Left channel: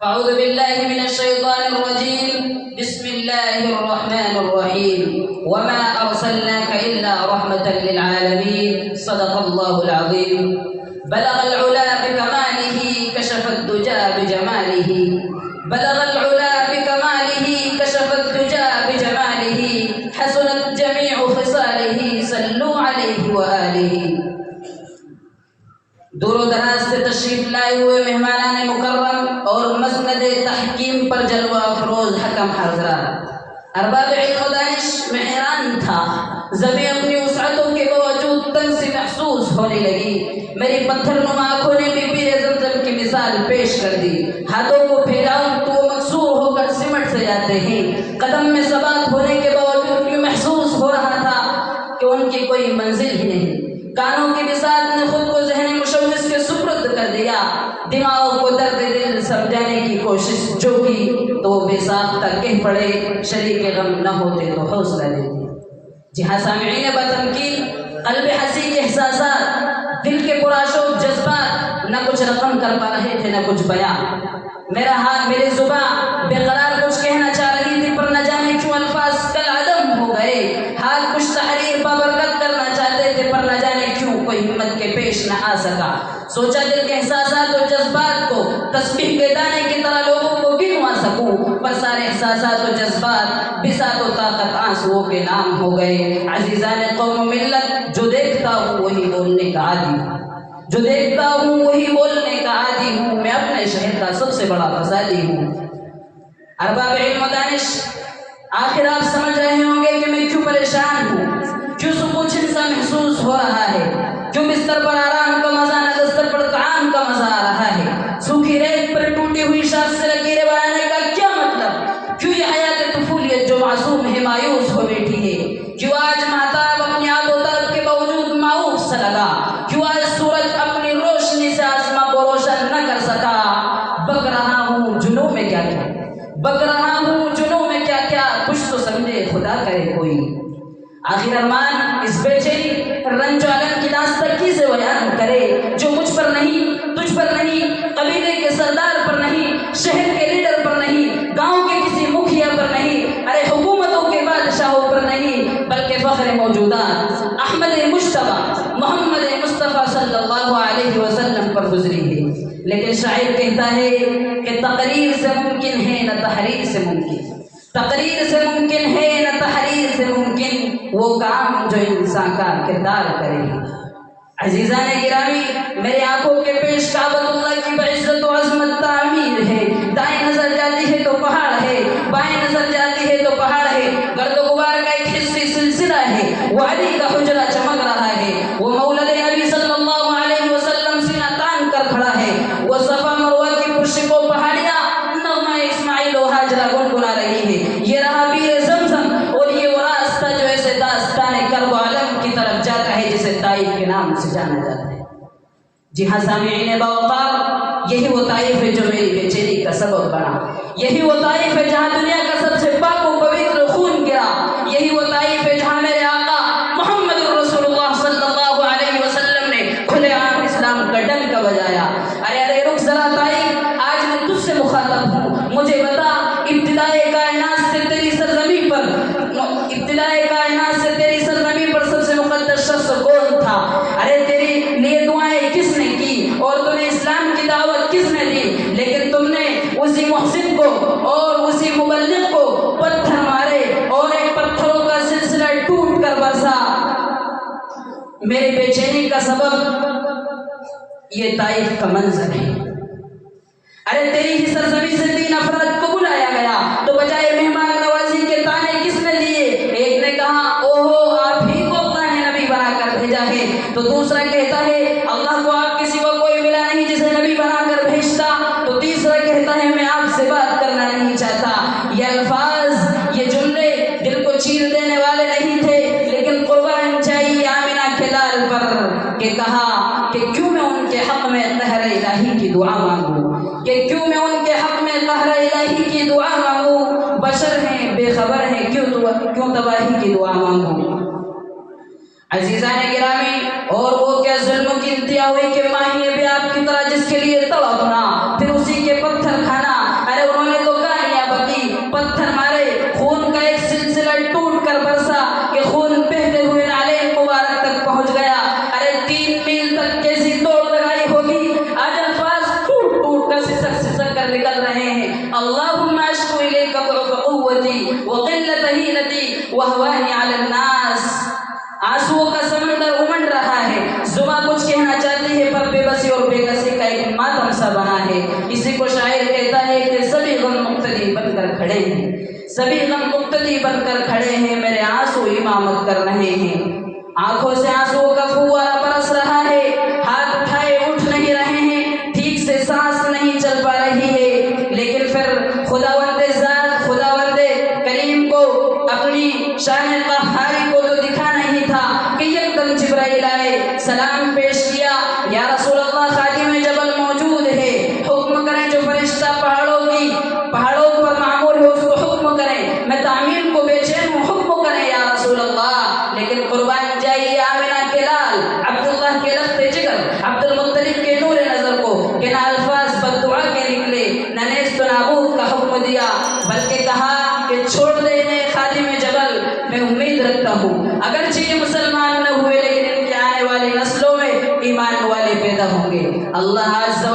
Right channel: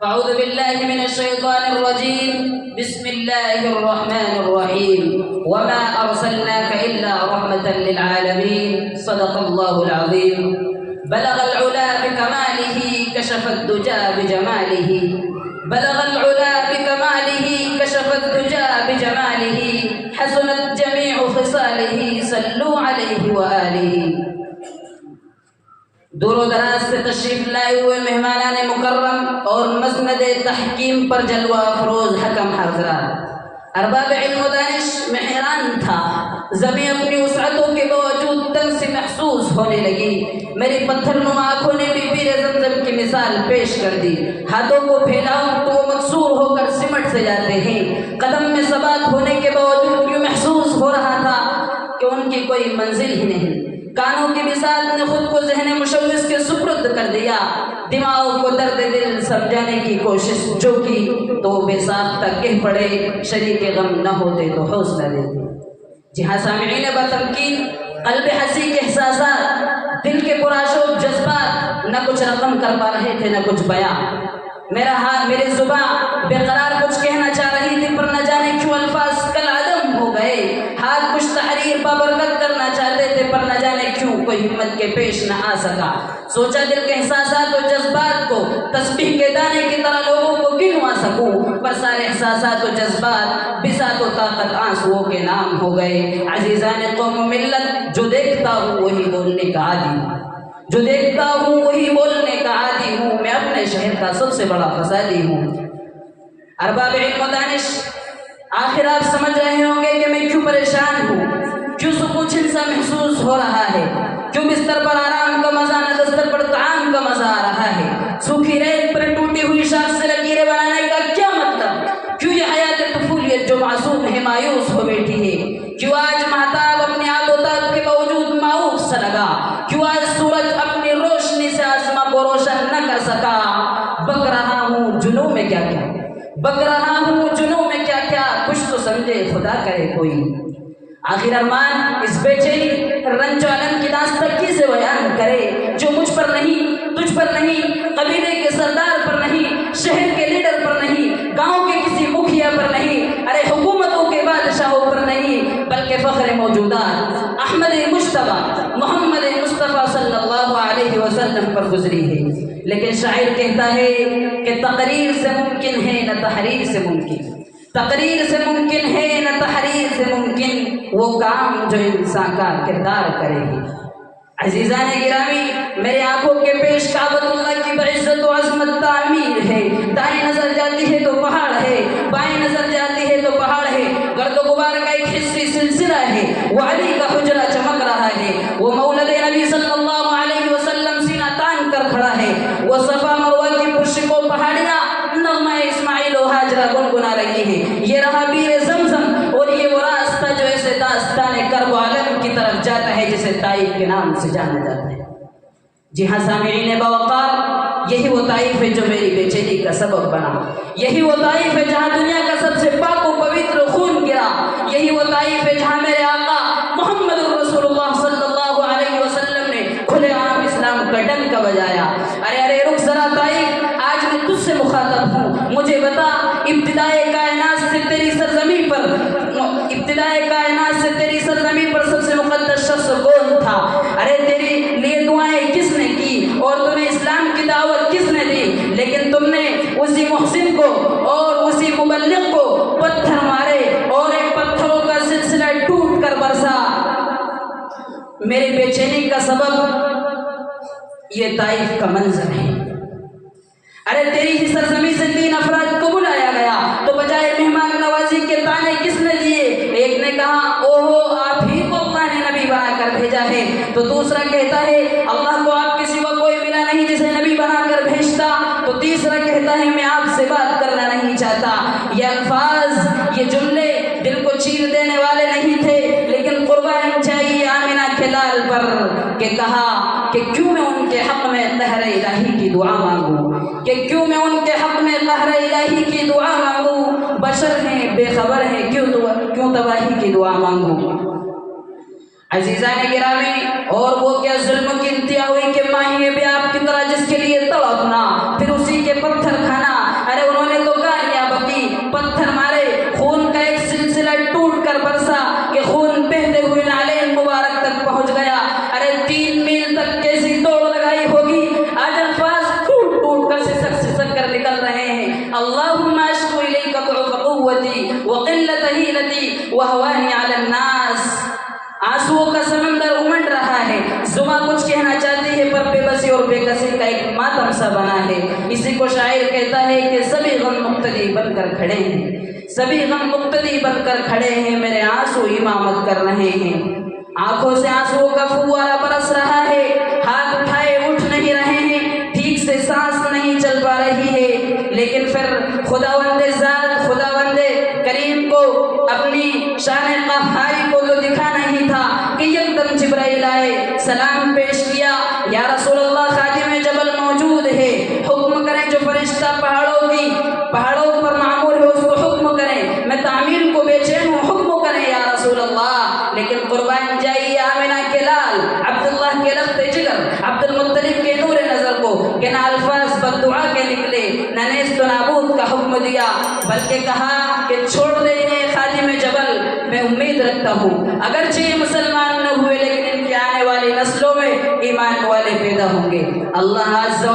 أعوذ بالله من الشيطان الرجيم. بسم الله الرحمن الرحيم. وما أرسلناك إلا رحمة للعالمين. صدق الله العظيم. بلغ العلا بكماله كشف الدجى بجماله. بلغ العلا بكماله كشف الدجى بجماله. حسنت جميع خصاله صلوا عليه وآله. دور و دراز سے تشریف لائے ہوئے مہمانان مکرم اور مسند تحکیم پر جلوہ افروز حکم حضرات، ارباب علم و دانش، میں حیران تھا، زمین اپنی وسعتوں کے باوجود تنگ سے محسوس ہونے لگی۔ میری پتھر نما آنکھوں نے بھی بیر زمزم کی مثال پیش کر دی۔ ہاتھوں کو پھیلاؤں تو وہ مکسور ہو کر سمٹ سے جاتے ہیں۔ قدم میں ثبات ہونے کے باوجود یوں محسوس ہو رہا تھا کہ ان کی کوئی منزل ہی نہیں۔ کانوں کی بساط نے خود کو ذہن مشوش کے سپرد کر دیا۔ دماغ کو درد دل سمجھانے کی کوشش جو کی تو بے ساختہ کہہ پڑے، شریک غم نہ ہوتے تو حوصلہ دیتے۔ جی ہاں سامعین بتمکین، قلب حسی کے احساسات، دل کے پرآشوب جذبات نہ کچھ رقم کر پا رہے تھے نہ کچھ بیان۔ میرا ہاتھ میری زبان بے قرار کچھ کہنا چاہ رہی تھی، پر نہ جانے کیوں الفاظ کل عدم ہو گئے۔ ہاتھ کچھ تحریر بابرکت کرنا چاہتے تھے، پر نہ جانے کیوں کوئی ہمت کے پیش نہ آ سکا۔ سوچا دل کے احساسات و جذبات کو تسبیح کے دانے کی طرح لوگوں کو گنوا سکوں، پر سارے احساسات و جذبات بساط و طاقت آنسوؤں کے نام ہو گئے۔ عزیزان قوم ملت، جو دیکھتا ہوں وہی بولنے کا عادی ہوں، جو دیکھتا ہوں وہی بولنے کا عادی ہوں، میں اپنے شہر کا سب سے بڑا فسادی ہوں۔ ارباب علم و دانش، آخر آپ سمجھ رہے ہوں گے کہ میں کیوں پریشان ہوں، کیوں سکون سا محسوس ہو رہا ہے، کیوں بستر پر آرام کا مزہ نہ دستر پر طعام کا مزہ آ رہا ہے، سوکھی ریت پر ٹوٹی ہوئی شاخ سے لکیریں بنانے کا کیا مطلب، کیوں یہ حیات طفولیت جو معصوم ہے مایوس ہو بیٹھی ہے، کیوں آج مہتاب اپنے آپ و طلب کے باوجود مایوس سا لگا، کیوں آج سورج اپنی روشنی سے آسماں کو روشن نہ کر سکا۔ بک رہا ہوں جنوں میں کیا کیا، بک رہا ہوں جنوں میں کیا کیا، کچھ تو سمجھے خدا کرے کوئی۔ آخر ارمان اس بے چینی رنج و علم کی داستان کیسے بیان کرے، جو مجھ پر نہیں، تجھ پر نہیں، قبیلے کے سردار پر نہیں، شہر کے لیڈر پر نہیں، گاؤں کے کسی مکھیا پر نہیں، ارے حکومتوں کے بادشاہوں پر نہیں، بلکہ فخر موجودات احمد مجتبی محمد مصطفیٰ صلی اللہ علیہ وسلم پر گزری ہے۔ لیکن شاعر کہتا ہے کہ تقریر سے ممکن ہے نہ تحریر سے ممکن، تقریر سے ممکن ہے نہ تحریر سے ممکن وہ کام جو انسان کا کردار کرے گی۔ عزیزان گرامی، میرے آنکھوں کے پیش کعبۃ اللہ کی بعزت و عظمت تعمیر ہے۔ دائیں نظر جاتی ہے تو پہاڑ ہے، بائیں نظر جاتی ہے تو پہاڑ ہے، گرد و غبار کا ایک حصی سلسلہ ہے، وہ علی کا حجرہ چمک رہا ہے، وہ مولد نبی صلی اللہ علیہ وسلم سینہ تان کر کھڑا ہے، وہ صفا مروہ کی پرشکو پہاڑیاں نغمہ اسماعیل و ہاجرہ گنگنا رہی ہے، یہ رہا بیر زمزم اور یہ وہ راستہ جو ایسے داستان کرب و علم کی طرف جاتا ہے جسے طائف کے نام سے جانا جاتا ہے۔ جی ہاں سامعین باوقار، یہی وہ طائف ہے جو میری بے چینی کا سبب بنا، یہی وہ طائف ہے جہاں دنیا کا سب سے پاک و پوتر خون گرا، یہی وہ طائف ہے جہاں میرے آقا محمد رسول اللہ صلی اللہ علیہ وسلم نے کھلے عام اسلام کا ڈنکا بجایا۔ ارے ارے رک ذرا طائف، آج میں تجھ سے مخاطب ہوں، مجھے بتا ابتدائے کائنات سے تیری سرزمین پر، ابتدائے کائنات سے تیری سرزمین پر سب سے مقدس شخص کون تھا؟ ارے تیری لیے دعائیں کس نے کی اور تمہیں اسلام کی دعوت کس نے دی؟ لیکن تم نے اسی محسن کو اور اسی مبلغ کو پتھر مارے اور ایک پتھروں کا سلسلہ ٹوٹ کر برسا۔ میری بے چینی کا سبب یہ طائف کا منظر ہے۔ ارے تیری ہی سرزمین سے 3 افراد کو بلایا گیا تو بجائے مہمان نوازی کے تانے کس نے دیے؟ ایک نے کہا اوہو آپ ہی کو اللہ نے نبی بنا کر بھیجا ہے، تو دوسرا کہتا ہے اللہ کو آپ کے سوا کوئی ملا نہیں جسے نبی بنا کر بھیجتا، تو تیسرا کہتا ہے میں آپ سے بات کرنا نہیں چاہتا۔ یہ الفاظ، یہ جملے دل کو چیر دینے والے نہیں تھے، لیکن قربان چاہیے آمنہ کے لال پر کہ کہا کہ کیوں میں ان کے حق میں قہر الہی کی دعا مانگوں، کہ کیوں میں ان کے حق میں قہر الہی کی دعا مانگوں، بشر ہیں بے خبر ہیں کیوں تباہی کی دعا مانگوں۔ عزیزان گرامی، اور وہ کیا ظلم کی انتہا ہوئی کہ ماہی بھی آپ کی طرح جس کے لیے تڑپنا، پھر اسی کے پتھر کھانا، میں امید رکھتا ہوں اگرچہ یہ مسلمان نہ ہوئے لیکن ان کے آنے والی نسلوں میں ایمان والے پیدا ہوں گے۔ اللہ عز و